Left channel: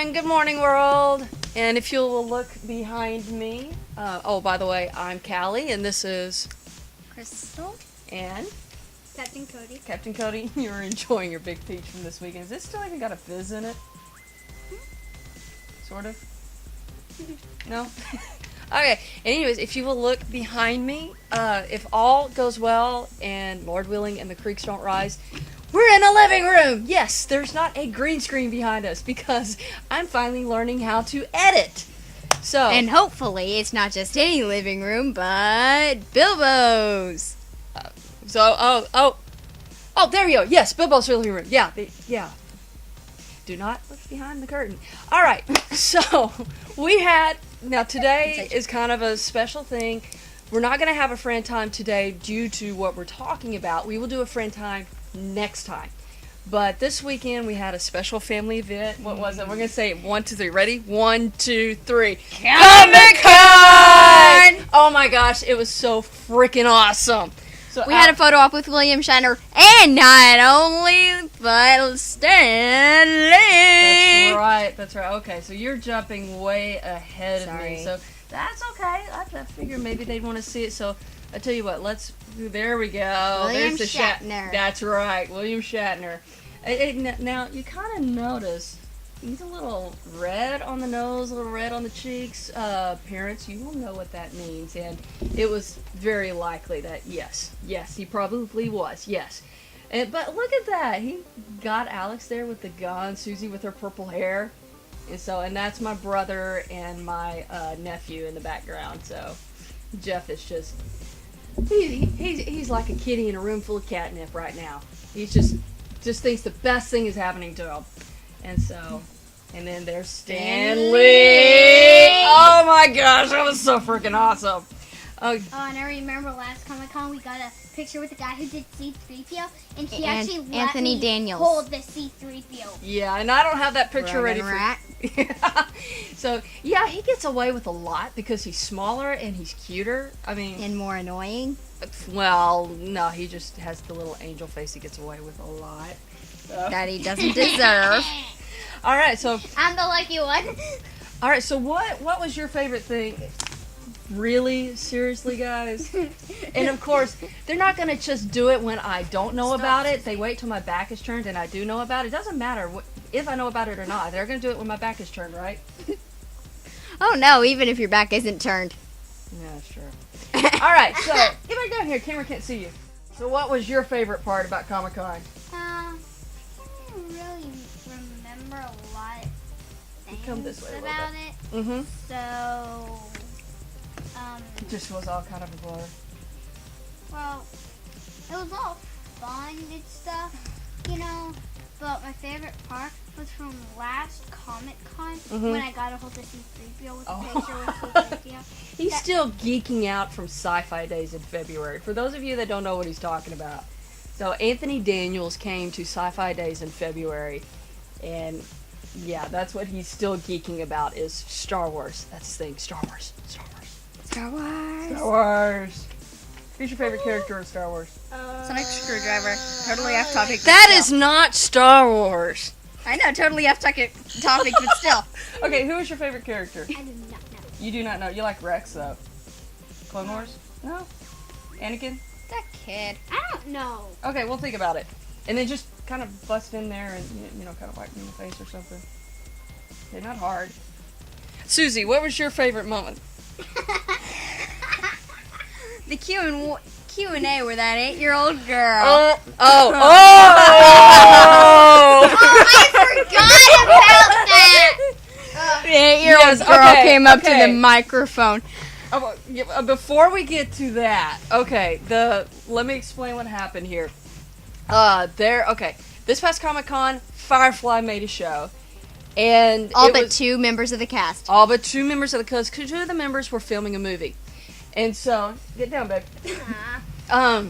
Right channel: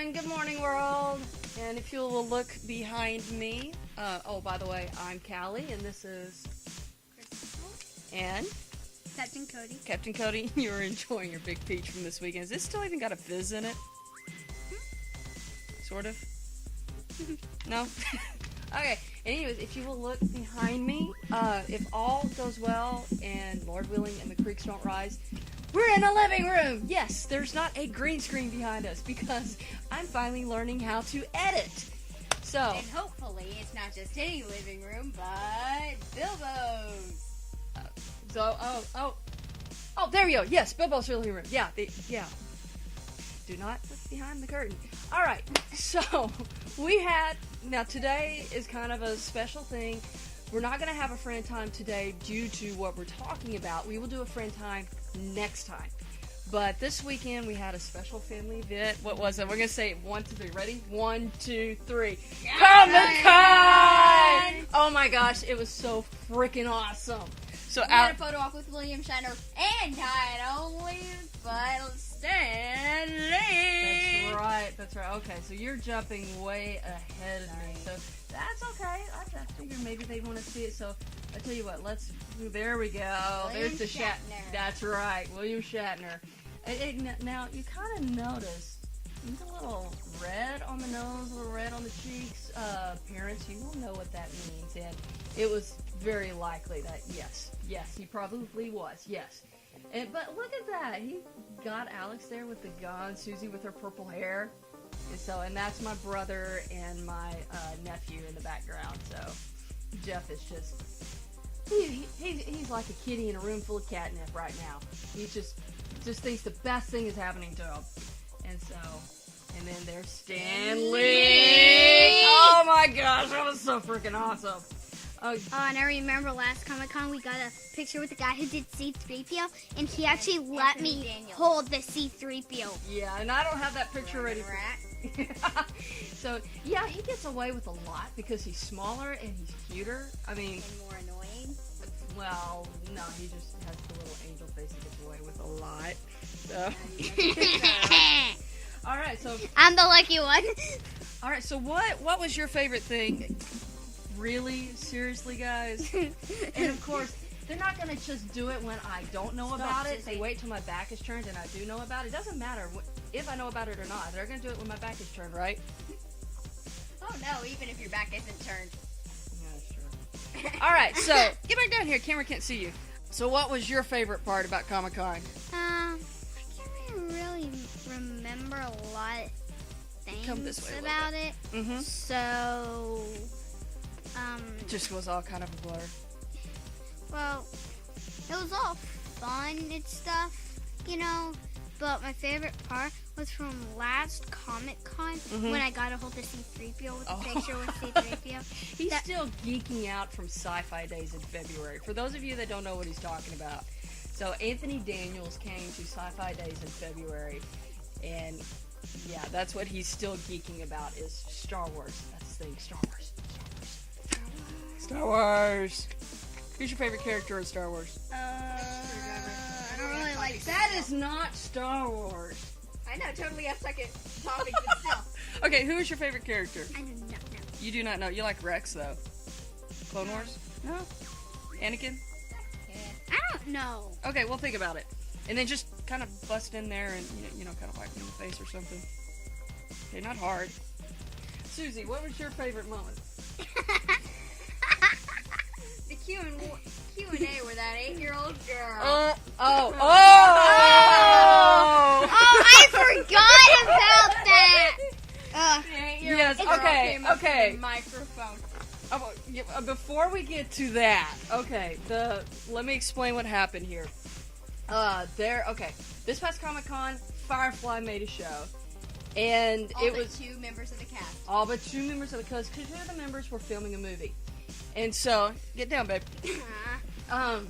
and good morning, world. And if you'll look behind me, oh, by the way, I'm Callie, and this is Crystal and Captain Cody. Captain Cody. You're enjoying your big peach from this weekend. Is this still even got a fizz in it? Sort of. No. Okay. Anyways, if you will look behind me, if all goes well and Lord willing and the creeks don't rise, we're in a living room! Yes, there's not a green screen behind us because I'm finally learning how to edit. So, And hopefully it's not just any living room, but Bilbo's. oh, there you go. Yes, Bilbo's living room. Yeah. Do not look behind the curtain. All right, so now today is kind of a special thing. We're not going to have a friend time today due to what we're talking about. We will do a friend time next time. But this weekend we had a special family event. What was it? We're going to say it 1, 2, 3. Ready? 1, 2, 3. Comic-Con! Oh my gosh, it was so freaking awesome. So We had a photo op with William Shatner, and not only, but Stan Lee. That's right. Okay, so you're jumping way ahead of me. So that's okay. I figured maybe they'd want to see it. So I tell you what, there we go. William There's the Shatner. That's right, William Shatner. Now, you kind of notice he's a little red on the nose, a little red on the cheeks. Parents, you will know what that means. And it was very likely that, yes, he probably was, yes. But look at that. He got Alex there with the gun, Susie with her purple hair. And that's my brother and my nephew in the background. So Jeff is just, he's like a kitty in a room full of catnip right now. He's just thinks the best thing is happening to him. And then there's Stan Lee. Oh my gosh, that was so freaking awesome. Oh, and I remember last Comic-Con we got a picture with the guy who did C-3PO, and he actually let Anthony me Daniels. hold the C-3PO. Yeah, and I don't have that picture ready for. Rat. So yeah, he gets away with a lot because he's smaller and he's cuter. I mean, And more annoying. well, no, he just has the little angel face he gets away with a lot. So. That he doesn't deserve. All right, so I'm the lucky one. all right, so what was your favorite thing? Really? Seriously, guys? And of course, they're not going to just do it when I don't know about it. They wait till my back is turned and I do know about it. It doesn't matter if I know about it or not. They're going to do it when my back is turned, right? Oh no, even if your back isn't turned. Yeah, that's true. All right, so get back down here. Camera can't see you. So what was your favorite part about Comic-Con? I can't really remember a lot of Come this way things a little about it. Mm-hmm. So, It just was all kind of a blur. well, it was all fun and stuff, you know. But my favorite part was from last Comic-Con when I got a hold of C-3PO with a picture with C-3PO. He's still geeking out from Sci-Fi Days in February. For those of you that don't know what he's talking about. So Anthony Daniels came to Sci-Fi Days in February, and yeah, that's what he's still geeking about is Star Wars. That's his thing, Star Wars. Star Wars. Who's your favorite character in Star Wars? Sonic Screwdriver. Totally off topic. That is not Star Wars. I know, totally off topic, but still. Okay, who is your favorite character? I did not know. You do not know. You like Rex, though. Clone Wars? No? Anakin? That kid. I don't know. Okay, we'll think about it. And then just kind of bust in there and, kind of whack me in the face or something. Okay, not hard. Susie, what was your favorite moment? The Q&A where that 8-year-old girl. Oh! Oh, I forgot about that. The 8-year-old girl came up to the microphone. Before we get to that, okay, let me explain what happened here. This past Comic-Con, Firefly made a show. And All but 2 members of the cast. All but 2 members of the cast, because 2 of the members were filming a movie. And so, get down, babe. Now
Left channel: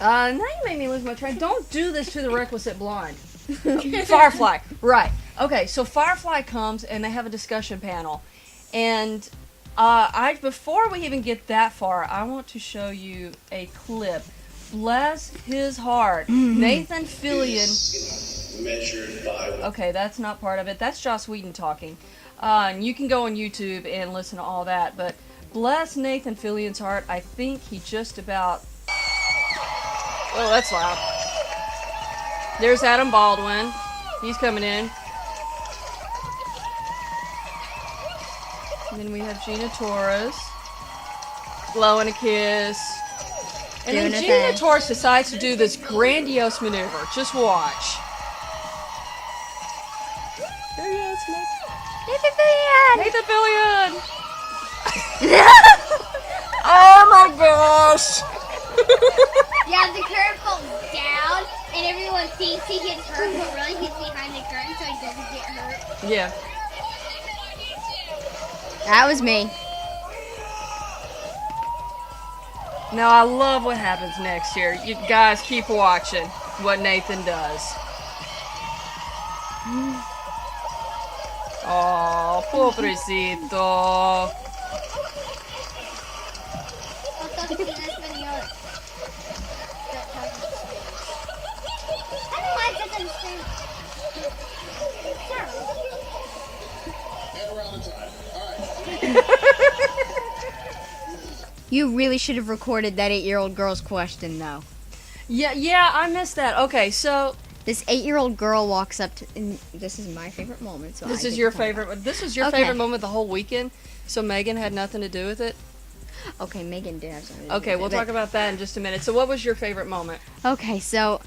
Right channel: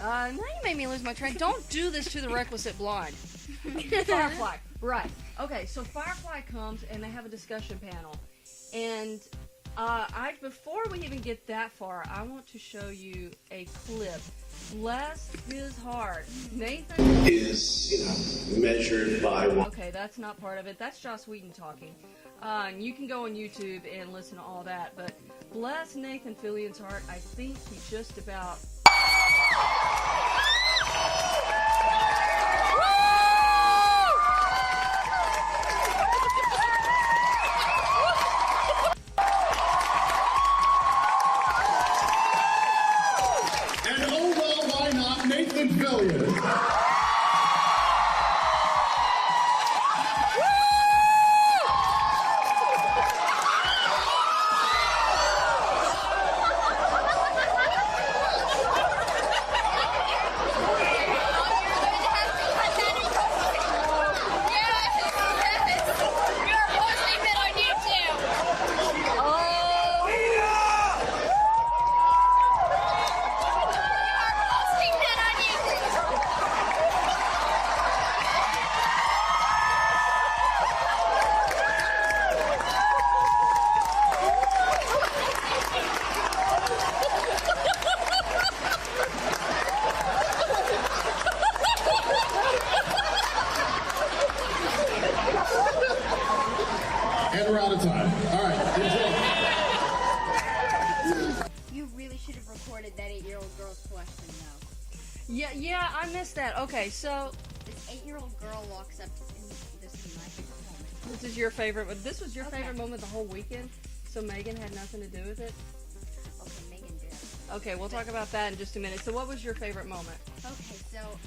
you made me lose my train. Don't do this to the requisite blind. Firefly, right. Okay, so Firefly comes and they have a discussion panel. And before we even get that far, I want to show you a clip Bless his heart. Nathan Fillion. Measured by Okay, that's not part of it. That's Joss Whedon talking. And you can go on YouTube and listen to all that. But bless Nathan Fillion's heart. I think he just about... Oh, that's loud. There's Adam Baldwin. He's coming in. And then we have Gina Torres. Blowing a kiss. And then Gina Torres decides to do this grandiose maneuver. Just watch. Nathan Fillion! Oh my gosh! Yeah, the curve falls down, and everyone thinks he gets through the run. He's behind the curve, so Yeah. That was me. Now I love what happens next here. You guys keep watching what Nathan does. Oh, pobrecito. And we're out of time. All right. You really should have recorded that 8-year-old girl's question, though. Yeah, I missed that. Okay, so This 8-year-old girl walks up to, and this is my favorite moment. So this I is get your to point favorite. This was your Okay. favorite moment the whole weekend. So Megan had nothing to do with it. out. Okay, Megan did have something. to do Okay, with we'll it, talk about that in just a minute. So what was your favorite moment? Okay, so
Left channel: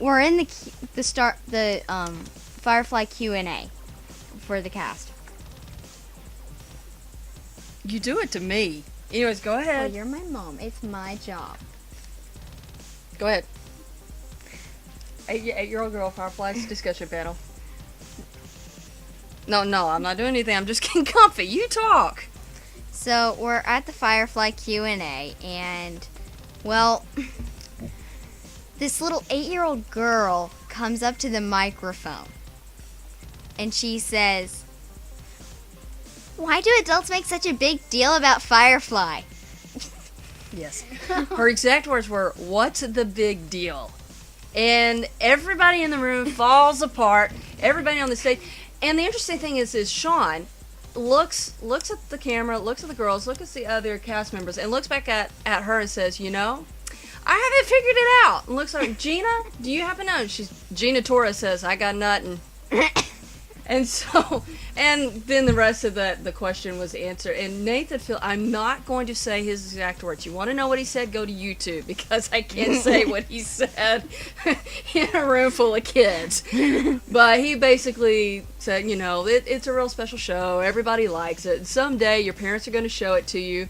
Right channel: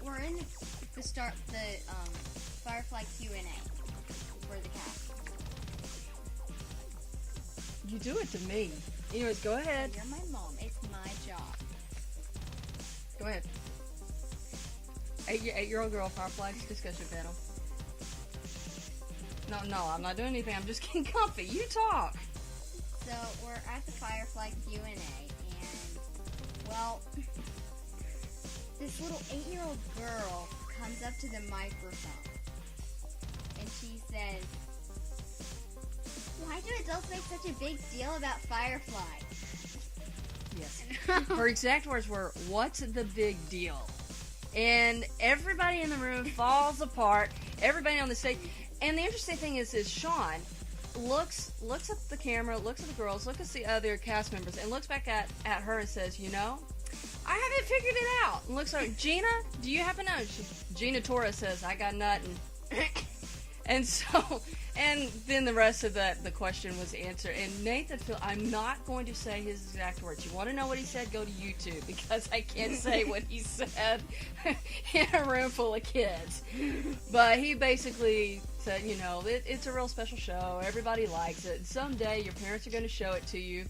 we're in the Firefly QA for the cast. You do it to me. Anyways, go Well, ahead. you're my mom. It's my job. Go ahead. 8-year-old girl Firefly's discussion panel. No, I'm not doing anything. I'm just getting comfy. You talk. So we're at the Firefly QA, and well, this little 8-year-old girl comes up to the microphone, and she says, "Why do adults make such a big deal about Firefly?" Yes. Her exact words were, "What's the big deal?" And everybody in the room falls apart. Everybody on the stage. And the interesting thing is Sean looks at the camera, looks at the girls, looks at the other cast members, and looks back at her and says, "You know, I haven't figured it out." And looks like, "Gina, do you happen to know?" Gina Torres says, "I got nothing." And so, and then the rest of the question was answered. And Nathan I'm not going to say his exact words. You want to know what he said? Go to YouTube, because I can't say what he said in a room full of kids. But he basically said, you know, it's a real special show. Everybody likes it. Someday your parents are going to show it to you.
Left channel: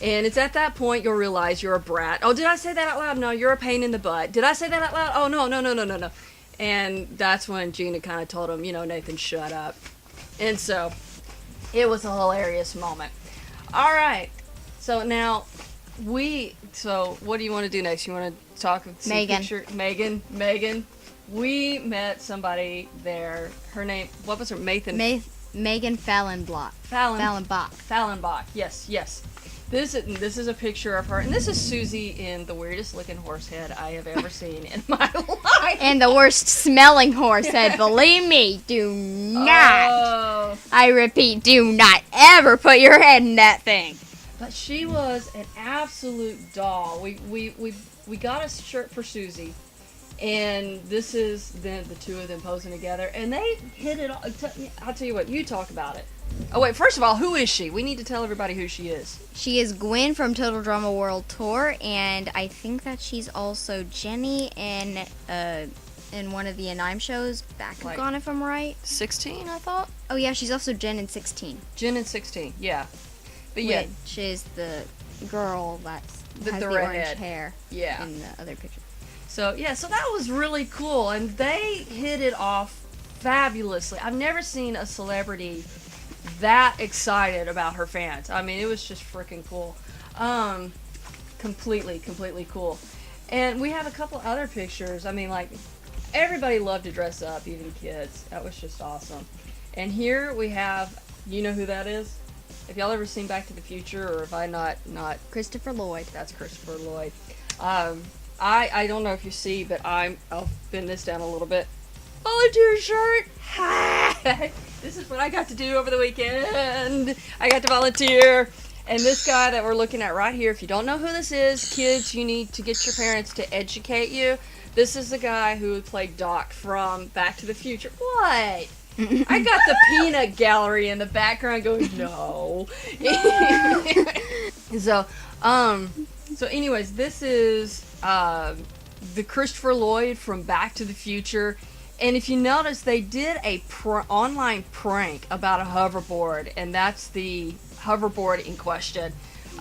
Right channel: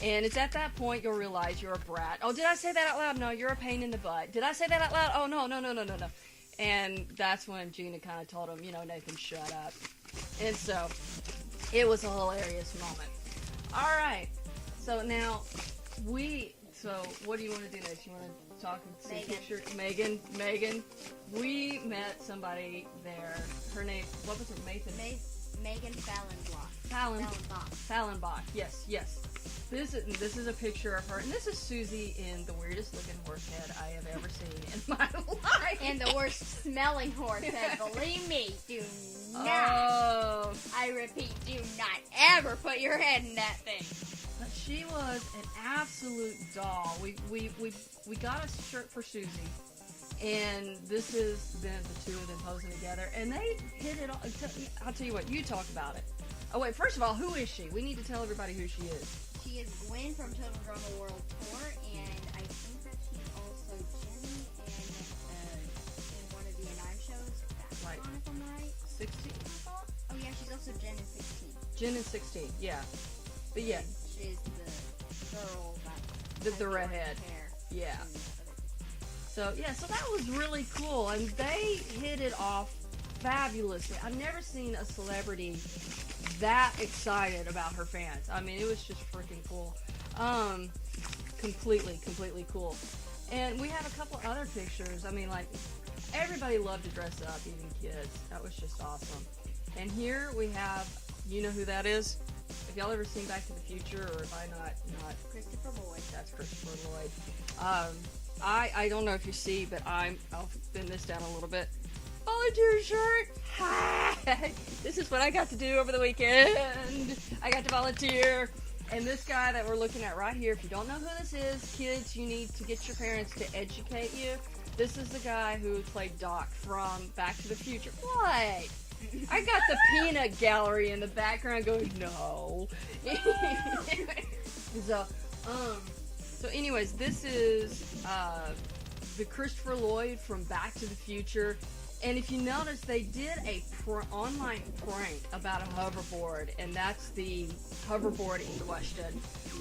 And it's at that point you'll realize you're a brat. Oh, did I say that out loud? No, you're a pain in the butt. Did I say that out loud? Oh, no. And that's when Gina kind of told him, you know, "Nathan, shut up." And so it was a hilarious moment. All right. So now so what do you want to do next? You want to talk with Megan. Megan. We met somebody there. Her name, what was her? Megan Fallenbach. Yes. This is a picture of her, and this is Susie in the weirdest looking horse head I have ever seen in my life. And the worst smelling horse head. Believe me, do not. Oh. I repeat, do not ever put your head in that thing. But she was an absolute doll. We got a shirt for Susie, and this is the two of them posing together, and they hit it. I'll tell you what. You talk about it. Oh wait, first of all, who is she? We need to tell everybody who she is. She is Gwen from Total Drama World Tour, and I think that she's also Jenny in one of the Anime shows, Bakugan, if I'm right. 16, I thought. Oh yeah, she's also Jen in 16. Jen in 16, yeah. But yeah, Which is the girl that has the the redhead. orange hair. Yeah. In the other picture. So that was really cool, and they hit it off fabulously. I've never seen a celebrity that excited about her fans. I mean, it was just freaking cool. Completely cool. And we have a couple other pictures. I mean, like, everybody loved to dress up, even kids. That was just awesome. And here we have, you know who that is? If y'all ever seen Back to the Future, or if I not Christopher Lloyd. That's Christopher Lloyd. I don't know if you see, but I'll bend this down a little bit. Volunteer shirt. This is what I got to do over the weekend. I got to volunteer. And this guy that we're looking at right here, if you don't know who this is, kids, you need to get your parents to educate you. This is the guy who played Doc from Back to the Future. What? I got the peanut gallery in the background going, no. So anyways, this is the Christopher Lloyd from Back to the Future. And if you notice, they did a online prank about a hoverboard, and that's the hoverboard in question.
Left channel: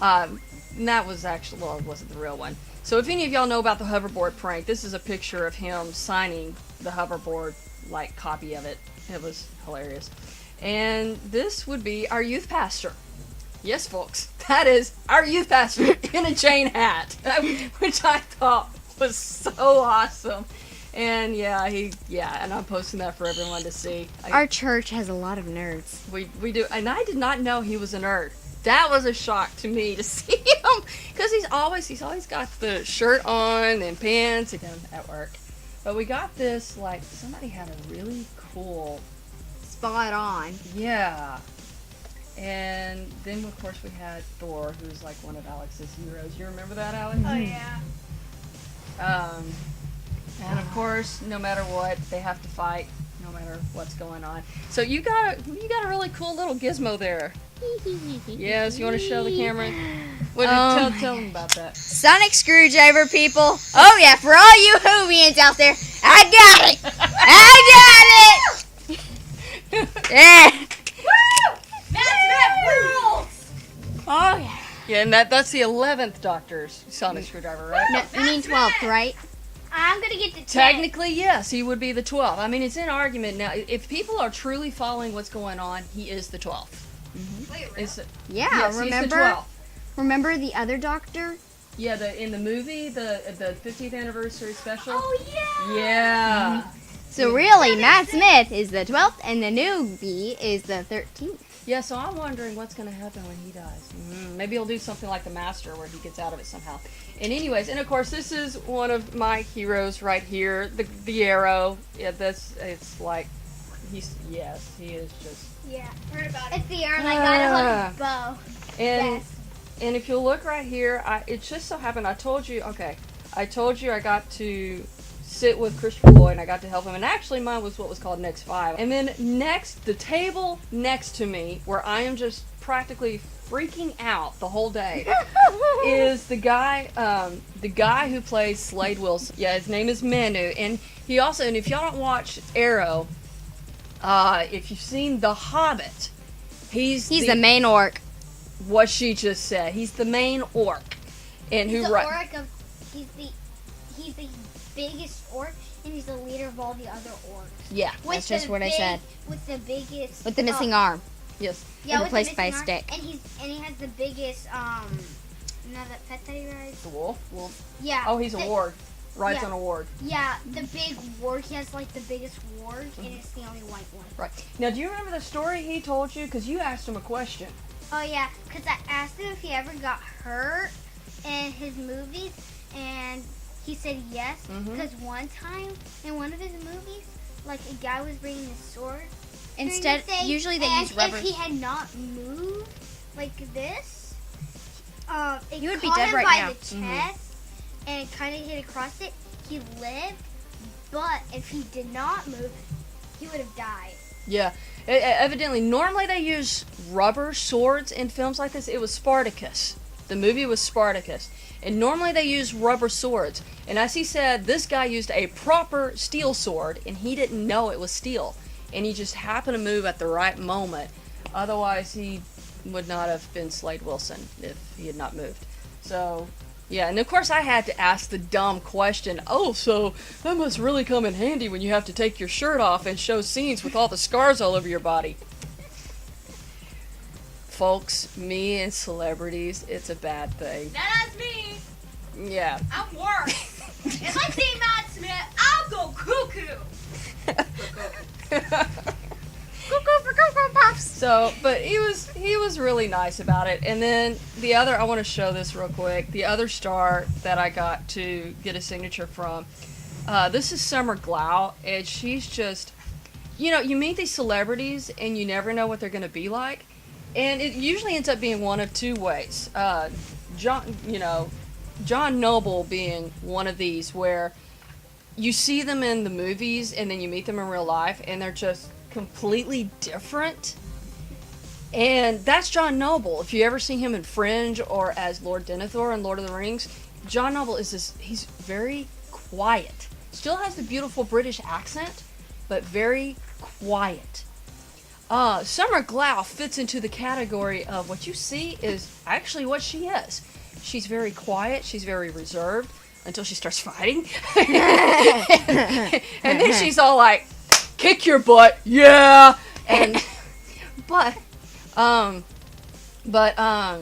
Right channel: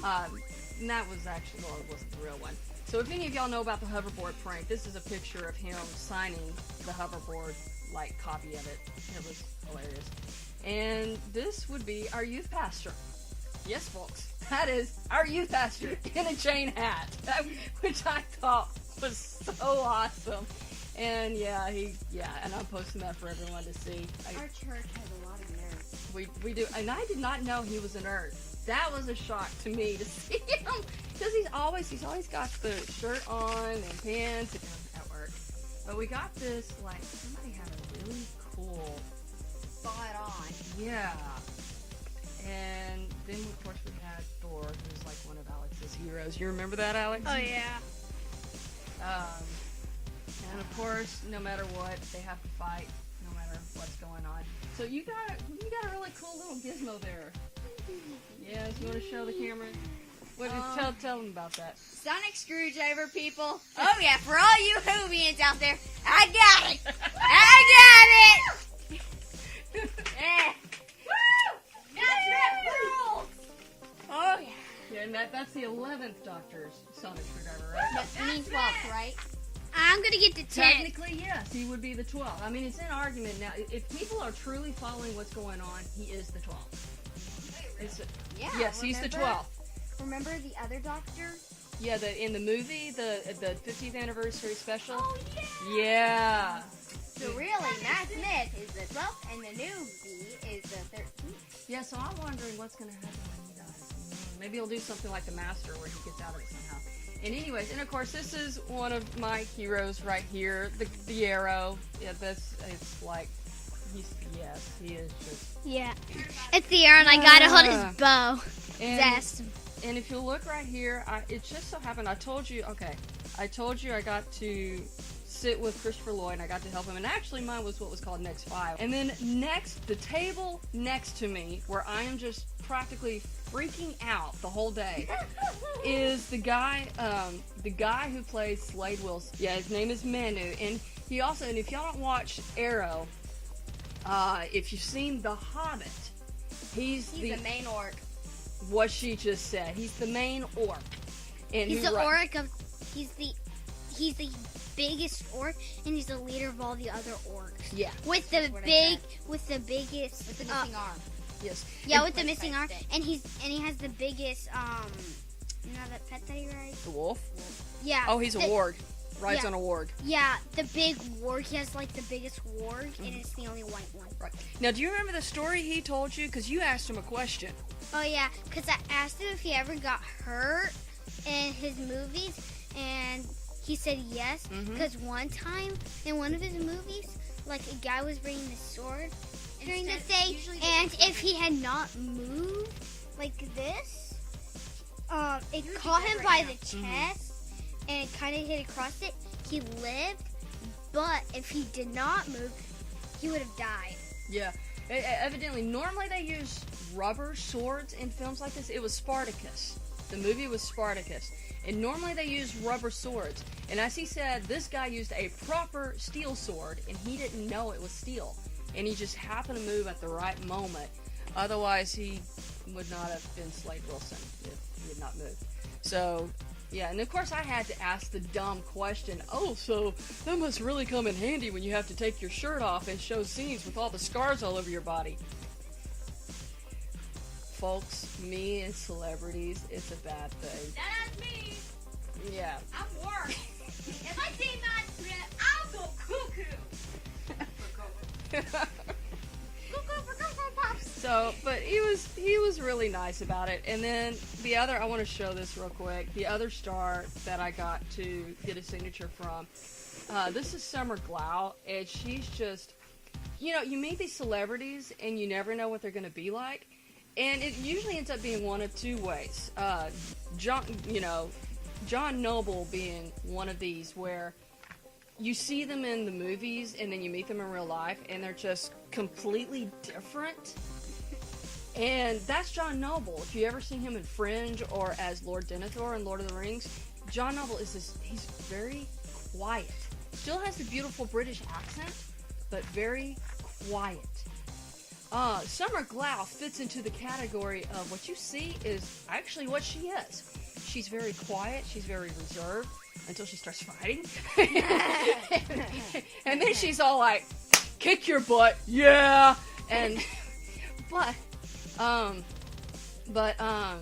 And that was actually, well, it wasn't the real one. So if any of y'all know about the hoverboard prank, this is a picture of him signing the hoverboard, like, copy of it. It was hilarious. And this would be our youth pastor. Yes, folks, that is our youth pastor in a chain hat, which I thought was so awesome. And and I'm posting that for everyone to see. Our church has a lot of nerds. We do, and I did not know he was a nerd. That was a shock to me to see him, because he's always got the shirt on and pants and at work. But we got this, like, somebody had a really cool Spot on. Yeah. And then, of course, we had Thor, who was like one of Alex's heroes. You remember that, Alex? Oh, yeah. And of course, no matter what, they have to fight, no matter what's going on. So you got a really cool little gizmo there. Yes, you want to show the camera? Tell them about that. Sonic screwdriver, people. Oh yeah, for all you Whovians out there, I got it. I got it. Yeah. Woo! World! Oh yeah. Yeah, and that's the 11th Doctor's Sonic screwdriver, right? No, you mean 12th, right? I'm gonna get the 10. Technically, yes, he would be the 12th. I mean, it's in argument now. If people are truly following what's going on, he is the 12th. Yeah, yes, remember? he's the 12th. Remember the other Doctor? Yeah, in the movie, the 50th anniversary special. Oh, yeah. Yeah. So really, Matt Smith is the 12th, and the newbie is the 13th. Yeah, so I'm wondering what's going to happen when he dies. Maybe he'll do something like the Master, where he gets out of it somehow. And anyways, and of course, this is one of my heroes right here, the Arrow. Yeah, it's like, he is just... Yeah, heard about it. It's the arrow, and I got it on his bow. And if you look right here, it just so happened, I told you I got to sit with Christopher Lloyd, and I got to help him, and actually mine was what was called Next 5. And then the table next to me, where I am just practically freaking out the whole day, is the guy who plays Slade Wilson. Yeah, his name is Manu, and he also, and if y'all don't watch Arrow, if you've seen The Hobbit, he's the main orc. What she just said. He's the main orc, and He's the biggest orc, and he's the leader of all the other orcs. Yeah, that's just what I said. With the biggest. With the missing arm. Yes. Yeah, with replaced the by a missing stick. arm, and he has the biggest that pet that he rides. The wolf. Yeah. Oh, he's a warg. Rides on a warg. Yeah, the big warg. He has like the biggest warg, and it's the only white one. Right. Now, do you remember the story he told you? Because you asked him a question. Oh yeah, because I asked him if he ever got hurt in his movies, and he said yes. Because one time in one of his movies, like a guy was bringing a sword. Usually they use rubber. If he had not moved like this, it would be caught dead him right by now. the chest, and it kind of hit across it. He lived, but if he did not move, he would have died. Yeah. Evidently, normally they use rubber swords in films like this. It was Spartacus. The movie was Spartacus. And normally they use rubber swords. And as he said, this guy used a proper steel sword, and he didn't know it was steel. And he just happened to move at the right moment. Otherwise, he would not have been Slade Wilson if he had not moved. So, yeah, and of course I had to ask the dumb question, oh, so that must really come in handy when you have to take your shirt off and show scenes with all the scars all over your body. Folks, me and celebrities, it's a bad thing. That's me. Yeah. I'm worse. If I see Matt Smith, I'll go cuckoo. Cuckoo for Cocoa Puffs. So, but he was he was really nice about it. And then the other, I want to show this real quick. The other star that I got to get a signature from, this is Summer Glau, and she's just, you meet these celebrities and you never know what they're going to be like. And it usually ends up being one of two ways. John Noble being one of these where you see them in the movies and then you meet them in real life and they're just completely different. And that's John Noble. If you ever see him in Fringe or as Lord Denethor in Lord of the Rings, John Noble he's very quiet. Still has the beautiful British accent, but very quiet. Summer Glau fits into the category of what you see is actually what she is. She's very quiet, she's very reserved until she starts fighting. And then she's all like, kick your butt, yeah! But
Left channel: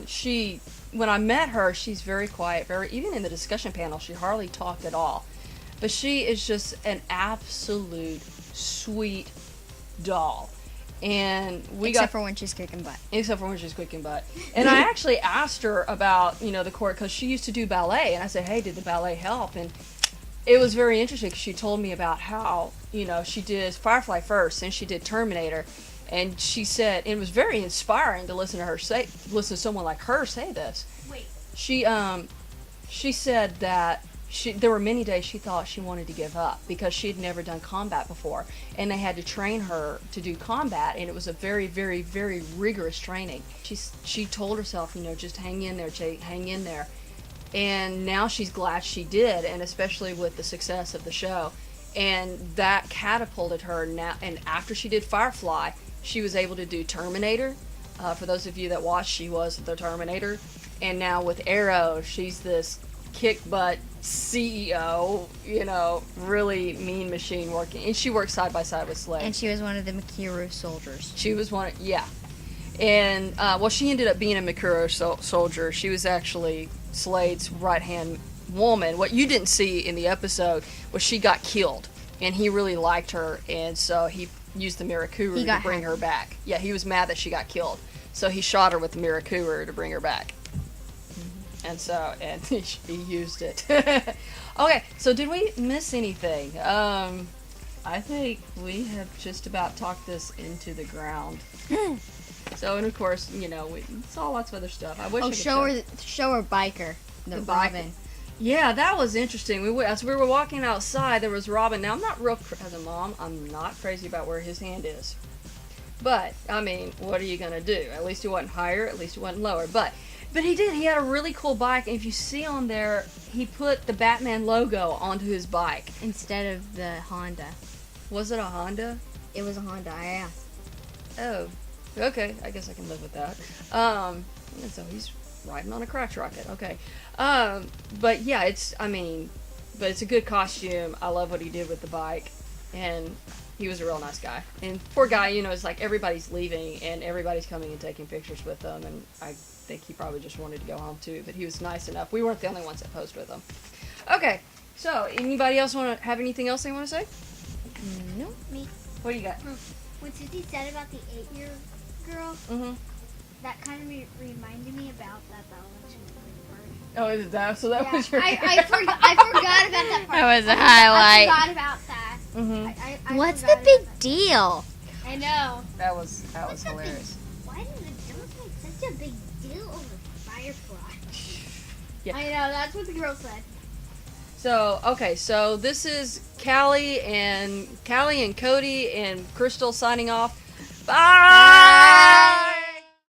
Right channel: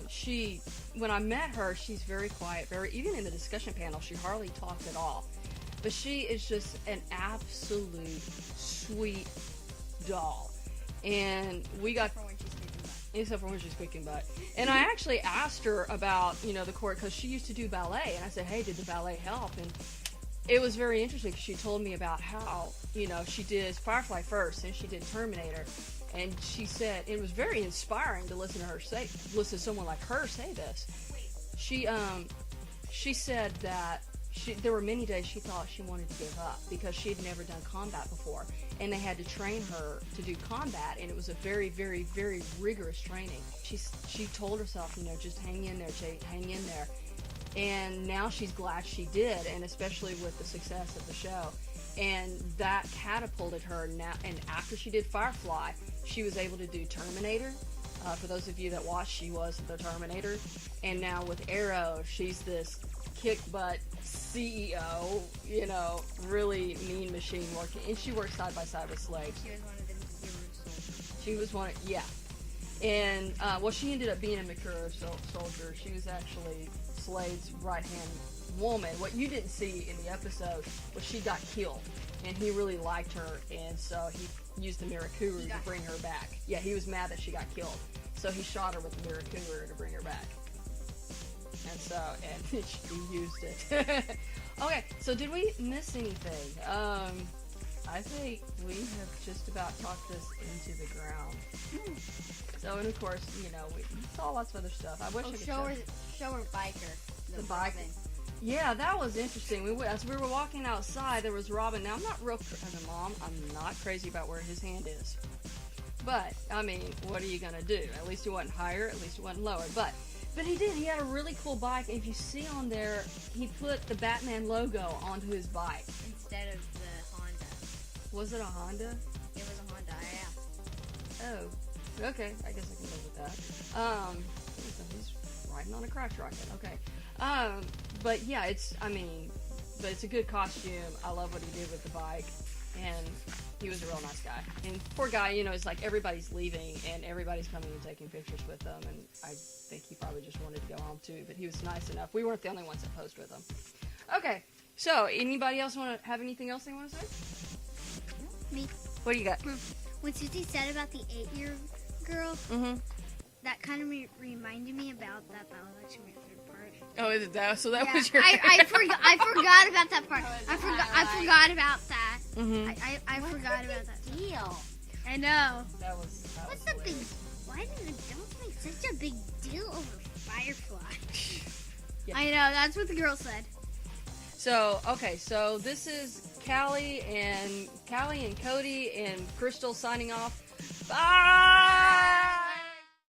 she, when I met her, she's very quiet, even in the discussion panel, she hardly talked at all. But she is just an absolute sweet doll. And Except for when she's kicking butt. And I actually asked her about, the choreo, because she used to do ballet. And I said, hey, did the ballet help? And it was very interesting because she told me about how, she did Firefly first, and she did Terminator. And she said, it was very inspiring to listen to someone like her say this. Wait. She said that there were many days she thought she wanted to give up because she had never done combat before, and they had to train her to do combat, and it was a very, very, very rigorous training. She told herself, just hang in there, Jake, hang in there. And now she's glad she did, and especially with the success of the show. And that catapulted her now, and after she did Firefly, she was able to do Terminator. For those of you that watched, she was the Terminator. And now with Arrow, she's this kick-butt CEO, really mean machine working. And she works side by side with Slade. And she was one of the Mikuru soldiers. She was one of, yeah. And, she ended up being a Mikuru soldier. She was actually Slade's right-hand woman. What you didn't see in the episode was she got killed. And he really liked her, and so he used the Mirakuru to bring her back. Yeah, he was mad that she got killed. So he shot her with the Mirakuru to bring her back. And he used it. Okay, so did we miss anything? I think we have just about talked this into the ground. So, and of course, we saw lots of other stuff. I wish show her biker. The Robin. Yeah, that was interesting. As we were walking outside, there was Robin. Now, as a mom, I'm not crazy about where his hand is. But, what are you going to do? At least he wasn't higher, at least he wasn't lower. But he did. He had a really cool bike, and if you see on there, he put the Batman logo onto his bike. Instead of the Honda. Was it a Honda? It was a Honda, yeah. Oh, okay. I guess I can live with that. So he's riding on a crotch rocket. Okay. But yeah, it's a good costume. I love what he did with the bike, and he was a real nice guy. And poor guy, it's like everybody's leaving and everybody's coming and taking pictures with them, and I think he probably just wanted to go home too, but he was nice enough. We weren't the only ones that posed with him. Okay, so anybody else have anything else they want to say? No. Me. What do you got? What Susie said about the 8-year girl, Mm-hmm. that kind of reminded me about that biological bird. Oh, is it that? So that Yeah, was your... I forgot about that part. That was a highlight. I forgot about that. Mm-hmm. I What's the forgot big about that. deal? I know. That was hilarious. Why did it look like such a big deal over Firefly? Yeah. I know, that's what the girl said. So, okay, so this is Kallie and Cody and Crystal signing off. Bye!